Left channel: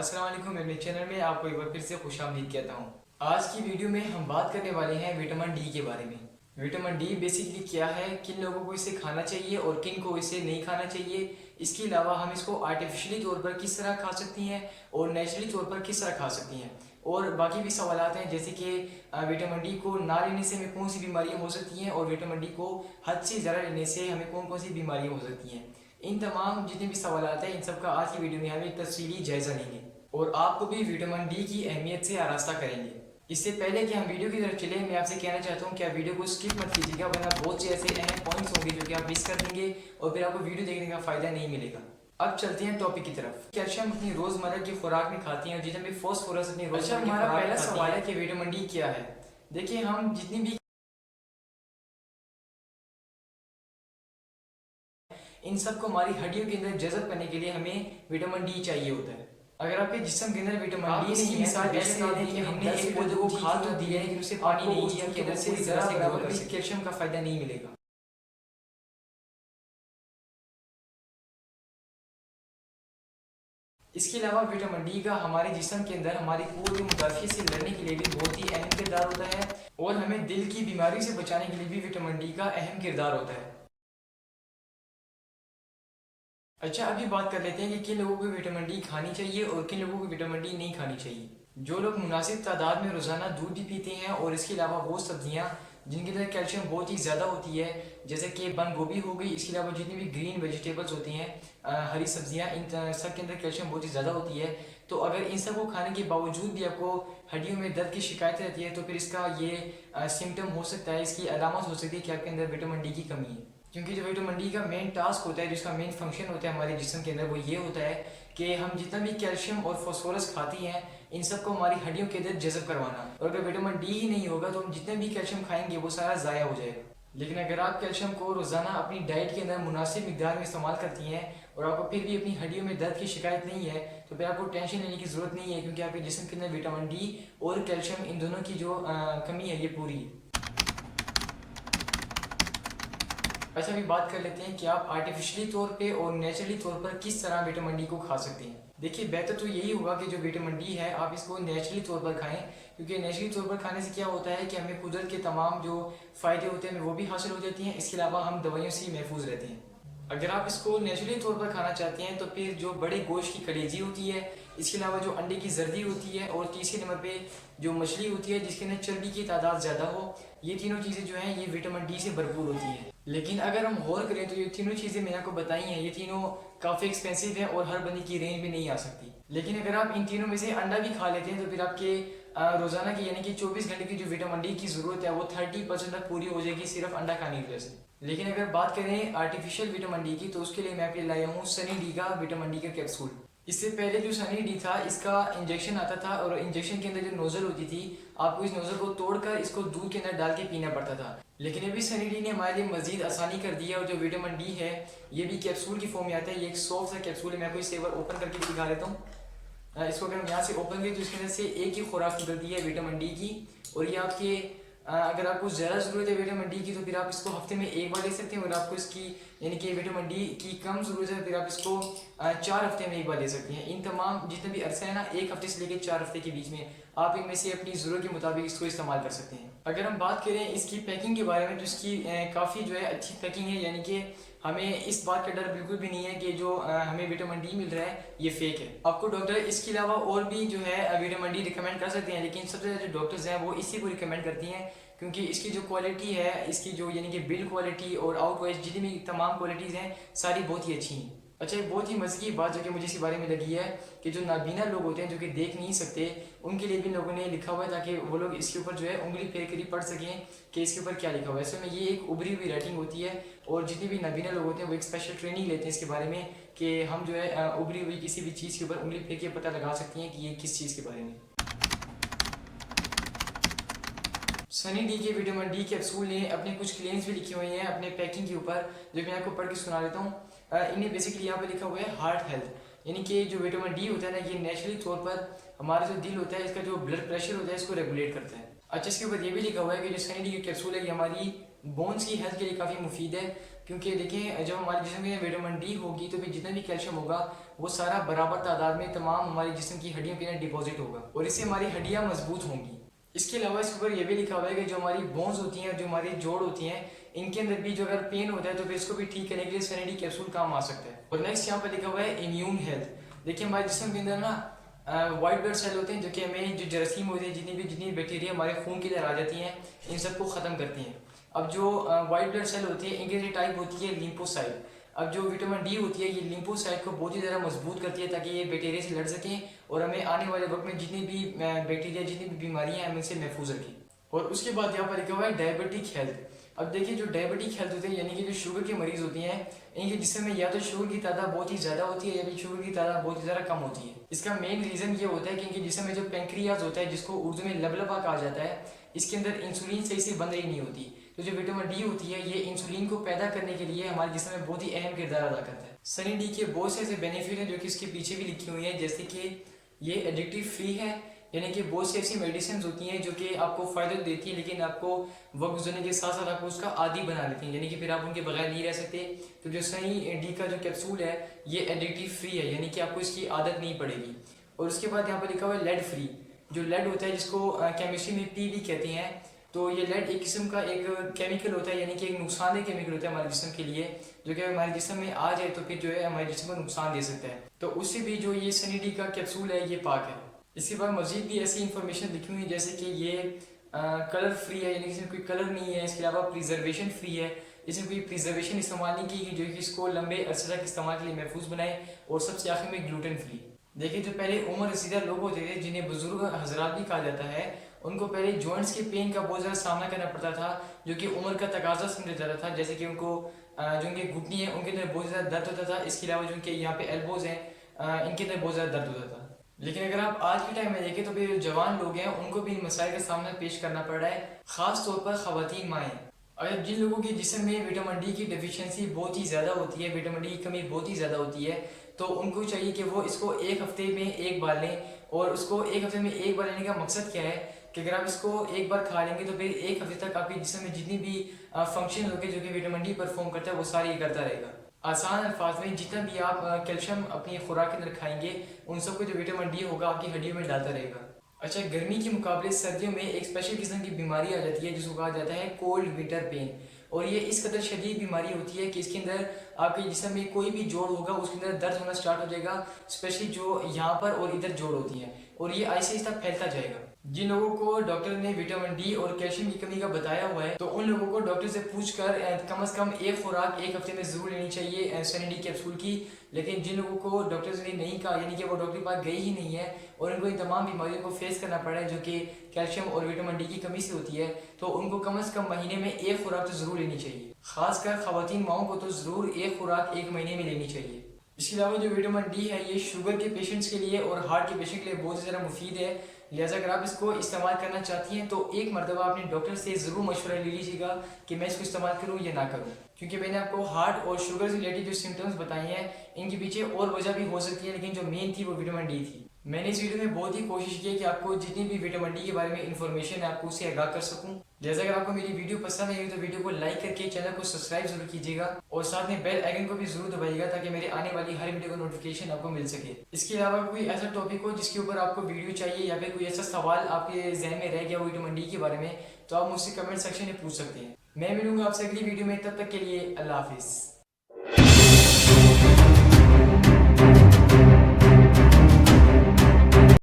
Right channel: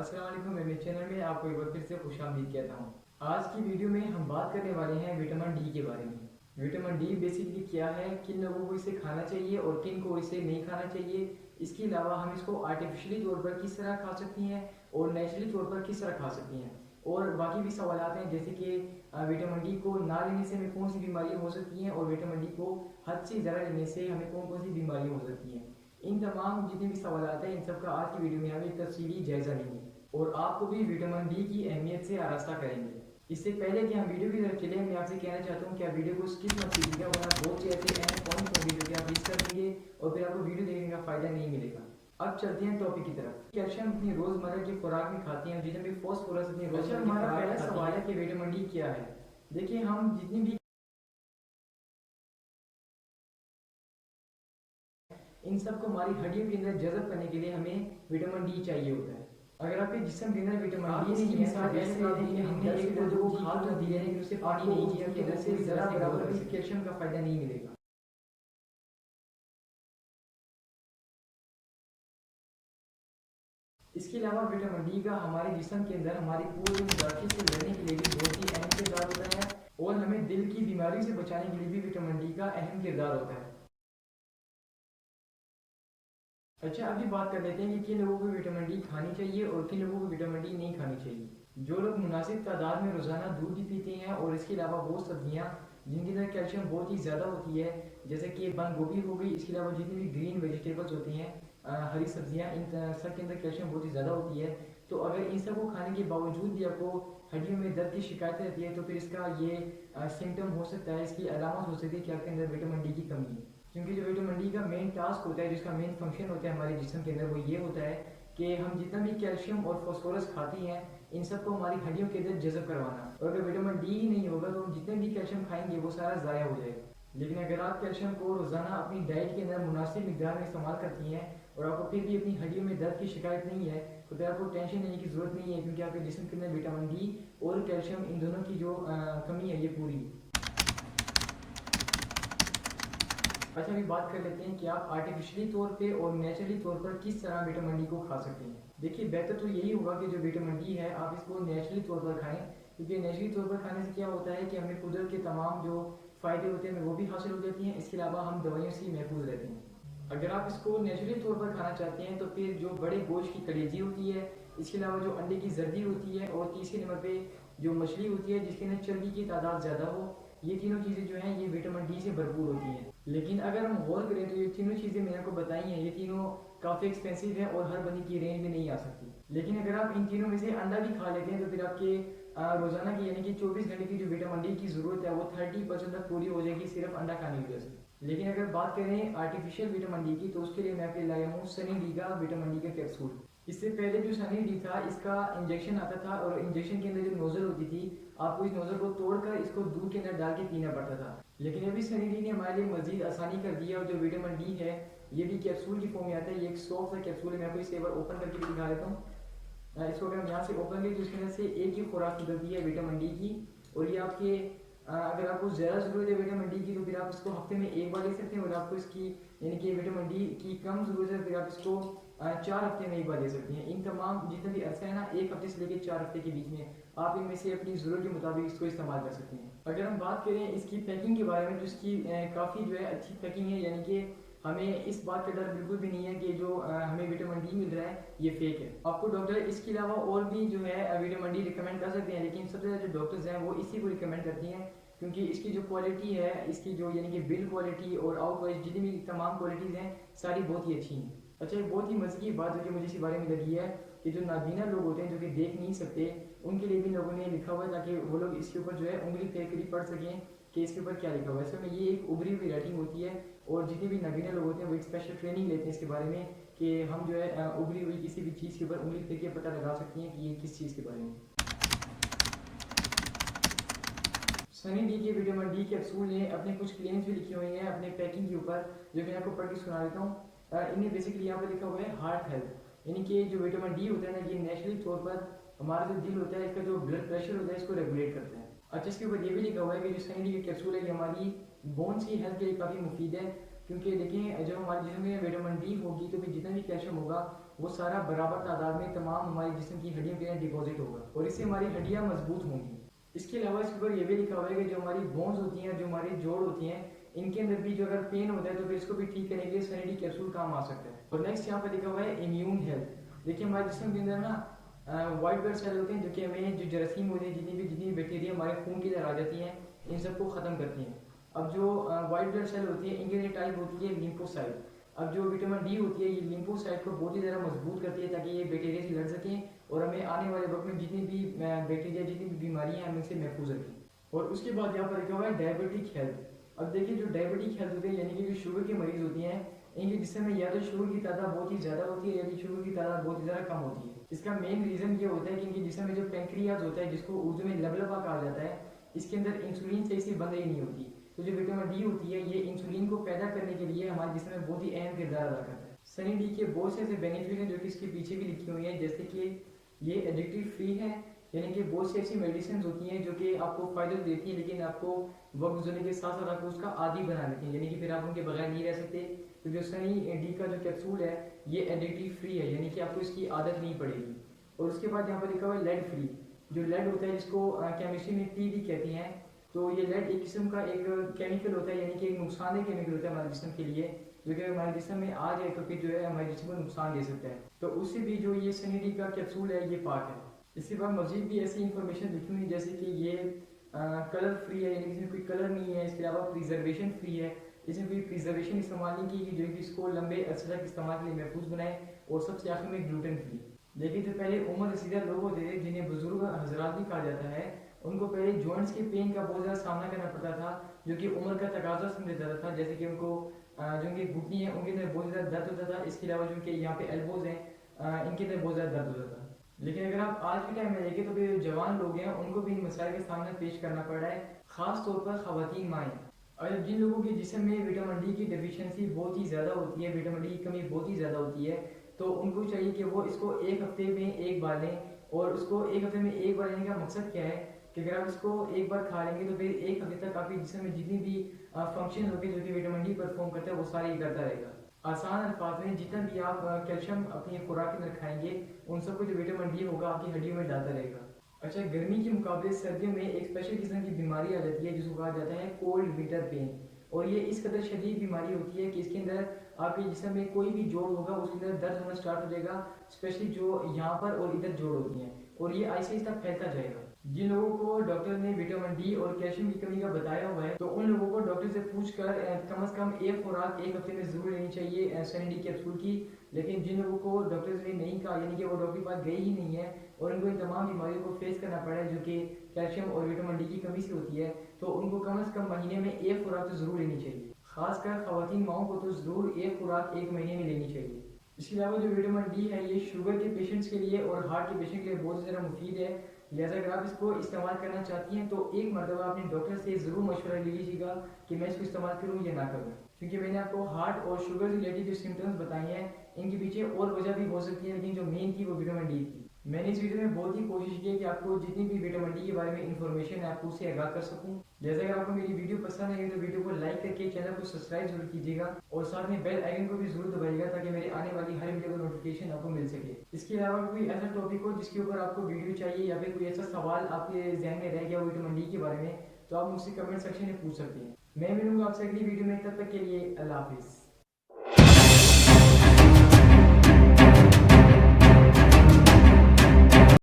अस्सलाम वालेकुम। मेरे चैनल में आपको एक बार फिर से खुशामदीद कहता हूँ। आज की वीडियो में हम बात करने वाले हैं विटामिन डी के बारे में। विटामिन डी बेसिकली क्या है, किन लोगों को इसे खाना चाहिए और किन को इसे नहीं खाना चाहिए। इसके अलावा हम इसको आर्टिफिशियली तौर पर किस तरह खा सकती हैं और नेचुरली तौर पर किस तरह खा सकती हैं, और बाकी भी सवालात हैं जैसे कि विटामिन डी को ना लेने से हमें कौन सी बीमारियाँ हो सकती हैं और विटामिन डी को हद से ज़्यादा लेने से हमें कौन कौन सी बीमारियाँ हो सकती हैं। इन तमाम जितने भी सवालात हैं इन सब का आज की वीडियो में हम एक तफसीली जायज़ा लेंगे और आपको भी विटामिन डी की अहमियत से आरास्ता करेंगे। इससे पहले कि हम वीडियो की तरफ चले, मैं आपसे कहना चाहता हूँ कि आप वीडियो को स्किप मत कीजिएगा, वरना बहुत से ऐसे अहम पॉइंट्स होंगे जो कि आप मिस कर देंगे और फिर आपको वीडियो देखने का फ़ायदा नहीं मिलेगा। अब चलते हैं टॉपिक की तरफ। कैल्शियम अपनी रोज़मर्रा की खुराक में खाते हैं और जितने भी फॉस्फोरस अपनी रोज़मर्रा की खुराक। पहला सवाल है कि विटामिन डी क्या है। देखिए, हम जितनी भी इन सबको हमारी हड्डियों के अंदर जज़ब करने के लिए हमें विटामिन डी चाहिए होता है। अगर आपके जिस्म के अंदर विटामिन डी नहीं है, मिसाल ऐसे लेते हैं कि हमने एक पौधे को खाद तो दिया है लेकिन उसे पानी नहीं दिया कि अंदर से ज़रा बराबर भी कैल्शियम का फ़ायदा नहीं मिलेगा। इसके अलावा विटामिन डी का हमारे जिस्म के अंदर हमारी पूरी मुदाफ़ी से लड़ने के लिए भी बहुत ही अहम किरदार होता है और हमें दिल की बीमारी से बचाने के लिए भी विटामिन डी का अहम किरदार होता है। अच्छा, अभी बात कर लेते हैं कि किन लोगों को विटामिन डी खानी चाहिए और किन लोगों को विटामिन डी नहीं खानी चाहिए। जो लोग मुनासिब तादाद में रोज़ाना दूध भी पीते हैं और इसके अलावा वो सब्जियां जिनके अंदर कैल्शियम बहुत ही ज़्यादा होती है, जैसे कि बंद गोभी हो गई, इसके अलावा जितनी भी ग्रीन वेजिटेबल्स होती हैं, हरी सब्जियां, इन सब के अंदर कैल्शियम बहुत ही ज़्यादा होती है। तो अगर इन सब को खाने के बावजूद भी आपको हड्डियों में दर्द की शिकायत रहती है तो फिर इसका ये सिम्टम हो सकता है, इसकी अलामत हो सकती है कि आपके अंदर विटामिन डी की कमी है। क्योंकि जो विटामिन डी का मेन टास्क होता है, जिसका मेन फंक्शन होता है हमारे जिस्म के अंदर, वो ये होता है कि हम जितना भी कैल्शियम और फॉस्फोरस खाती हैं इन सब को हमारी हड्डियों के अंदर जज़ब करवाना। और अगर विटामिन डी ही नहीं होगा तो हम जितने भी कैल्शियम खाएंगे वो सारा ज़ाया हो जाएगा। लेकिन अगर आप कैल्शियम को रोज़ाना अपनी डाइट के अंदर मुनासिब मिकदार में इस्तेमाल करती हैं और आपको फिर भी अपनी हड्डियों में दर्द की शिकायत नहीं है तो फिर आपको टेंशन लेने की ज़रूरत नहीं है, क्योंकि आपके जिस्म के अंदर विटामिन डी और कैल्शियम इन दोनों की जो कमी है ये पूरी है। अच्छा, अभी बात कर लेते हैं कि आप आर्टिफिशियली तौर पे और नेचुरली तौर पर किस तरह विटामिन डी को खा सकते हैं। देखिए, बेहतर तो यही होगा कि जो विटामिन डी है आप इसको नेचुरली तौर पर खाएं, क्योंकि नेचुरली तौर पर खाने से क्या होता है कि हमें कुदरत के तमाम जो फ़ायदे होते हैं वो भी हासिल हो जाती हैं। इसके अलावा हम दवाइयों से महफूज रहते हैं। अगर आप इसको नेचुरली तौर पर खाना चाहते हैं तो फिर जो बड़े गोश्त की कलेजी होती है, इसके अलावा जो अंडे की जर्दी होती है और तीसरे नंबर पे जो मछली होती है जिसके अंदर चर्बी की तादाद ज़्यादा हो, ये तीनों चीज़ें जो हैं ये विटामिन डी से भरपूर होती हैं। लेकिन अगर हम गौर करें तो ये तीनों चीज़ें मैंने आपको बताई हैं, ये तीनों काफ़ी एक्सपेंसिव हैं और हर बंदे की रेंज में नहीं आ सकती। लेकिन अगर आप इन तीनों में से अंडा भी खा लेते हैं तो फिर आपके रोज़ाना की यानी कि 24 घंटे की जो विटामिन डी की ज़रूरत है वो 30% तक पूरी हो जाएगी सिर्फ अंडा खाने की वजह से। लेकिन अगर बात करें आर्टिफिशियल विटामिन डी की तो उसके लिए मैं आपके लाया हूँ सनी डी का विटामिन डी का कैप्सूल। इससे पहले जो सनी डी था इसका इंजेक्शन आता था और इंजेक्शन के अंदर जो नोज़ल होती थी आपको इस नोज़ल को तोड़कर इसको दूध के अंदर डाल के पीना पड़ता था। लेकिन अभी सनी डी ने हमारे लिए मजीद आसानी कर दी है और जो विटामिन डी है ये भी कैप्सूल की फॉर्म में आता है। ये एक सॉफ्ट सा कैप्सूल है, मैं आपको इसे एक बार ओपन करके भी दिखा देता हूँ। इसको अगर हम यहाँ से ओपन करें तो इसके अंदर से एक ही खुराक निकलती है विटामिन डी की, और ये आपके अगर आपको ज़्यादा ज़रूरत है विटामिन डी की तो फिर आप इसको हफ्ते में एक बार ले सकते हैं, और आपको इसकी यानी कि विटामिन डी की कम ज़रूरत है फिर आप इसको 4 हफ्ते में एक बार ले सकते हैं। इन तमाम जितने भी अरसा है ना, 1 हफ्ते से लेकर 4 हफ्ते के बीच में आप इनमें से अपनी ज़रूरत के मुताबिक इसको इस्तेमाल कर सकते हैं। अगर हम बात करें इसकी पैकिंग के बारे में तो इसकी काफ़ी जो है अच्छी पैकिंग है, यानी कि हमें इस बात का डर बिल्कुल भी नहीं है कि जो हमें विटामिन डी मिल रहा है ये फेक है। आपको डॉक्टर इसके अलावा और भी जो है विटामिन डी रिकमेंड कर सकते हैं, लेकिन सबसे ज़्यादा जो डॉक्टर्स हैं वो इसी को रिकमेंड करती हैं, क्योंकि इसकी जो क्वालिटी है, इसकी जो यानी कि बिल्ड क्वालिटी और आउटवाइज जितनी भी तमाम क्वालिटीज़ हैं सारी बहुत ही अच्छी हैं। अच्छा, एक बहुत ही मज़े की बात जो कि मुझे इसके बारे में लगी है कि जो नाबीना लोग होते हैं जो कि देख नहीं सकते उनके लिए भी लोगों ने लिखा हुआ है ताकि वो लोग इसके ऊपर जो है उंगली फेर कर ही पढ़ सकें कि इसके ऊपर क्या लिखा हुआ है। ऐसे में ये एक उभरी हुई राइटिंग होती है और जितने भी नाबीना लोग होते हैं वो एक स्पेशल ट्रेनिंग लेते हैं इसके बारे में कि हम जो है उभरी हुई किसी भी चीज़ के ऊपर उंगली फेर के पता लगा सकती हैं कि ये किस चीज़ के बारे में। सनी डी के विटामिन डी कैप्सूल ने अपने कुछ क्लेम्स भी लिखे हुए हैं अपने पैकिंग के ऊपर, जो मैं आपको पढ़ के सुना देता हूँ। इन्हें बेसिकली यहाँ पे लिखा हुआ है हार्ट हेल्थ, यानी कि जो विटामिन डी होता है ना ये नेचुरली तौर पर हमारा जो दिल होता है इसका जो ब्लड प्रेशर होता है इसको रेगुलेट करता है। अच्छा, इसके ऊपर ये भी लिखा हुआ है कि जो सनी डी की कैप्सूल है ये हमारी बोन्स की हेल्थ के लिए काफ़ी मुफीद है, क्योंकि देखिए जब हमारे जिस्म में विटामिन डी होगी तो फिर जितना भी कैल्शियम होगा वो सारा बराबर तादाद में तमाम हमारे जिस्म की हड्डियों के अंदर डिपॉजिट होगा और इससे हमारी हड्डियाँ मजबूत होंगी। इसके अलावा इसके ऊपर यह भी लिखा हुआ है कि जो हमारी बोन्स होती हैं, जो हमारी जोड़ होती हैं, इनके अंदर भी जो अगर पेन होता है तो फिर इसको भी ठीक करने के लिए सेरेनिटी कैप्सूल काम आ सकता है। और नेक्स्ट यहाँ पर लिखा हुआ है इम्यून हेल्थ। देखिए हमारे जिस्म के अंदर ना वाइट ब्लड सेल होते हैं जो कि हमें जो जरासीम होते हैं, जितनी बैक्टीरिया हमारे खून के अंदर आ जाती हैं, इन सबको ख़त्म करती हैं। अब जो वाइट ब्लड सेल होती है इनकी टाइप होती है लिम्फोसाइट। अब जो विटामिन डी होती है ये लिम्फोसाइट को बहुत ही ज़्यादा मजबूत करती है ताकि ये बैक्टीरिया से लड़ सकें और हमें आने वाले वक्त में जितनी भी बैक्टीरिया, जितनी भी बीमारियाँ हैं, हमें इनसे महफूज रखें। और उसके बाद यहाँ पर लिखा हुआ है डायबिटिक हेल्थ। अब देखिए जो डायबिटिक हेल्थ होते हैं यानी कि जो शुगर के मरीज़ होती हैं, इनके जिस्म में या तो शुगर की तादाद बहुत ही ज़्यादा होती है या फिर शुगर की तादाद बहुत ही ज़्यादा कम होती है। इसका मेन रीज़न ये होता है कि इनके जिस्म में जो पेंक्रियाज होता है, जिसको उर्दू में लबलबा कहा जाता है, इसके अंदर इंसुलिन सही से बन रही नहीं होती। तो जो विटामिन डी होती है ये इंसुलिन को पैदा करने के लिए हमारे जिस्म में बहुत ही अहम किरदार अदा करता है। सनी डी के बहुत से ऐसे बेनिफिट हैं जो कि इसके पीछे भी लिखी हुई हैं, जैसे कि ये एडिक्टिव फ्री है, यानी कि बहुत सी ऐसी मेडिसिन होती हैं जो कि आपको फ़ायदा देती हैं लेकिन आपको वक्त गुजरने के साथ साथ आपको उसका आदी बना लेती हैं, यानी कि फिर आप उनके बगैर नहीं रह सकते। तो जो सनी डी का जो कैप्सूल है ये एडिक्टिव फ्री है, यानी कि आपको इसकी आदत नहीं पड़ेगी। और उसके बाद यहाँ पर लिखा हुआ है लेड फ्री। जो लेड होता है जिसको केमिस्ट्री में पी भी कहते हैं, तो ये लेड एक किस्म का एक केमिकल होता है, यानी कि एक नुकसानदेह केमिकल होता है हमारे जिस्म के लिए, जो कि हमारे जिस्म में आ जाए तो फिर जो है हमारे जिस्म को नुकसान दे सकता है। तो उससे भी जो ये सनी डी का कैप्सूल है ये पाक है। इसके बाद मजीद भी ऐसी इन्फॉर्मेशन लिखी हुई है जैसे कि ये कलर फ्री है, यानी कि इसमें कोई कलर नहीं है। इसके अलावा प्रिजर्वेशन फ्री है, इसमें कोई प्रिजर्वेशन इस्तेमाल नहीं की जो कि इसको लंबे अरसे तक इस्तेमाल के लिए महफूज बनाए। और सबसे आखिर में ग्लूटेन फ्री। देखिए जो पहले उम्र रसीदा लोग होते थे, जिन्हें बुजुर्ग हजरात भी कहा जाता है, उनको पहले जॉइंट्स के पेन का बहुत ज़्यादा सामना करना पड़ता था, जो कि उम्र का तकाजा समझा जाता था। जैसे कि उनको जो उनके घुटनी है उनके अंदर बहुत ज़्यादा दर्द होता था। इसके अलावा जो उनके यहाँ पे एल्बोज हैं इनके अंदर बहुत ज़्यादा दर्द होता था। लेकिन अगर आप आज के टाइम में देखें तो फिर जवान लोग हैं उनको भी इन मसाइल का सामना पेश करना पड़ रहा है, ख़ास तौर पर ख़वातीन माएँ। और जिन लोगों के जिस्म में विटामिन डी की डेफिशिएंसी बहुत ही ज़्यादा होती है, विटामिन डी की कमी बहुत ही ज़्यादा होती है, तो उनको चाहिए कि वो इसको एक हफ्ते में एक बार लें। और उसको एक हफ्ते में एक बार लेने का मकसद क्या है कि अगर आप इसको एक बार खा लेंगे तो फिर एक हफ्ते तक आपके जिस्म में जितनी भी फंक्शन होंगे जो कि विटामिन डी परफॉर्म करता है वो सारे करता रहेगा। आसान अल्फाज में जितना भी आप कैल्शियम अपनी खुराक के अंदर खाएंगे उन सबको जो विटामिन डी होगा आपकी हड्डियों में डालता रहेगा। अच्छा, गर्मी के मुकाबले सर्दियों में एक स्पेशल किस्म की बीमारी आ जाती है जिसको कहा जाता है कोल्ड विंटर पेन। और ये इस कदर शदीद बीमारी होती है कि इसके अंदर आपके जिस्म में कोई भी जोड़ होगा उसके अंदर दर्द होना स्टार्ट हो जाएगा, स्पेशली जो यहाँ पर और इधर जोड़ होती हैं, और ये आहिस्ता आहिस्ता फैलता जाएगा। जिन लोगों को डॉक्टर ने विटामिन डी और कैल्शियम की कमी का बताया हुआ है तो उन लोगों को डॉक्टर से पूछकर कम से कम एक खुराक एक हफ्ते में ज़रूर लेनी चाहिए सनी डी कैप्सूल की। लेकिन जिन लोगों को डॉक्टर ने नहीं कहा, यानी कि वो डॉक्टर के पास गए ही नहीं है और उनको इन तमाम बीमारियों को फेस करना पड़ा है जो कि कैल्शियम और विटामिन डी की कमी से होती है, तो उनको कम से कम महीने में एक खुराक तो ज़रूर लेनी चाहिए। खासकर ख़वातीन माओं को तो ज़रूर एक खुराक एक महीने में लेनी चाहिए। इसके अलावा जो विटामिन डी है ये शुगर के पेशेंट्स के लिए और हार्ट के पेशेंट के लिए बहुत ज़्यादा मुफीद है। लिहाजा अगर आप इसको इस्तेमाल करना चाहती हैं तो एक मरतबा अपने डॉक्टर से ज़रूर मशवरा ले लीजिएगा कि मैं इसको इस्तेमाल करूँ या ना करूँ, क्योंकि मैंने आपको हार्ट और शुगर से रिलेटेड जो सिम्टम्स बताए हैं इनके पीछे और वजह भी हो सकती है, लेकिन जो मेन थी वो विटामिन डी थी। मैंने इस वीडियो में बहुत ही कोशिश की है कि आपको जितनी भी विटामिन डी के बारे में इन्फॉर्मेशन है आपको उसे आगाह कर सकूं। जैसे अगर आपको मेरी वीडियो पसंद आई तो वीडियो को लाइक करके चैनल को सब्सक्राइब जरूर कीजिएगा और साथ में बेल आइकन को भी जरूर दबाइएगा ताकि मेरे आने वाली हर वीडियो का नोटिफिकेशन आपको मिल सके। इसके अलावा कोई ऐसा टॉपिक हो जिसके ऊपर आपको वीडियो चाहिए या फिर कोई ऐसा सवाल आपके जहन में रह गया हो विटामिन डी के बारे में, तो आप मुझसे कमेंट सेक्शन में पूछ सकते हैं। मैं मिलूंगा आपसे अगली वीडियो में, तब तक के लिए अल्लाह हाफिज़।